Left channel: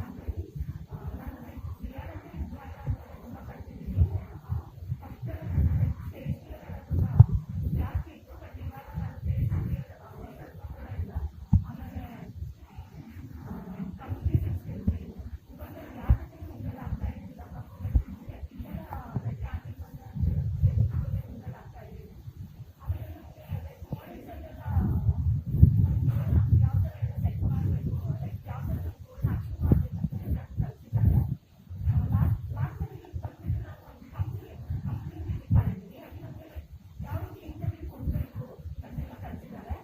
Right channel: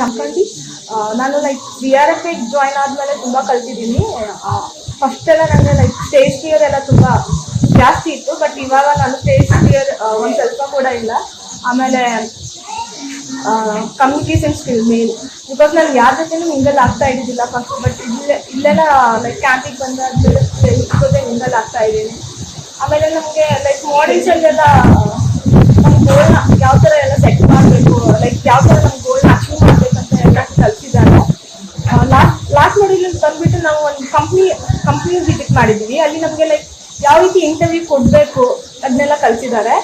ಜಂಕಂಡಿ. ನಾನು like B R F join ಆದಮೇಲೆ ತುಂಬ ಕಲ್ತಿದ್ದೀನಿ. ಫಸ್ಟ್ ಎಲ್ಲ ನನಗೆ ಲೈಕ್ ಸ್ಟೇಜ್ ಫಿಯರ್ ಎಲ್ಲ ತುಂಬ ಜಾಸ್ತಿ ಇತ್ತು, ಬಟ್ ಇವಾಗ ನಾನು ಸ್ಟೇಜ್ ಫಿಯರ್ ಒಂದು ಸ್ವಲ್ಪ ಕೂಡ ಇಲ್ಲ. ಆಮೇಲೆ ಕಮ್ಯುನಿಕೇಷನ್ ಸ್ಕಿಲ್ ಮೇನ್, ಬಿಕಾಸ್ ನಾನು ಯಾರ ಜೊತೆನೂ ಮಿಂಗಲ್ ಆಗ್ತಾ ಇದ್ದಿದ್ದಿಲ್ಲ ಫಸ್ಟ್, ಬಟ್ ಇಲ್ಲೆಲ್ಲ ಲೈಕ್ ಕ್ಯಾಂಪಿಗೆ ಬಂದಾದ್ಮೇಲೆ ಜೊತೆ ಮಿಂಗಲ್ ಆಗ್ತಾ ಇದ್ದೀನಿ. ಆಮೇಲೆ ನಮಗೆ ಲೈಕ್ ಮಾಡೆಲ್ಸಲ್ಲೆಲ್ಲ ನಮ್ಮ ಗೋಲ್ನ ಯಾವ ಥರ ಎಲ್ಲ ಸೆಟ್ ಮಾಡಬೇಕು, ಲೈಕ್ ಯಾವ ಥರ ನಮ್ಮ ಗೋಲ್ನ ಅಚೀವ್ ಮಾಡಬೇಕಂತ ಎಲ್ಲ ಕಲಿಸಿದ್ದಾರೆ. ಲಾಸ್ಟ್ ಮಾಡೆಲ್ ಬಂದುಬಿಟ್ಟು ನಾವು ಒಂದು ಕಂಪ್ನಿ ವಿಸಿಟ್ ಮಾಡಿದ್ದೀವಿ. ಅಲ್ಲಿ ನಮಗೆ ಲೈಕ್ ಯಾವ ರೀತಿ ಇಂಟರ್ವ್ಯೂ ಕೊಡಬೇಕು ಅದನ್ನೆಲ್ಲ ಕಲಿಸಿದ್ದಾರೆ.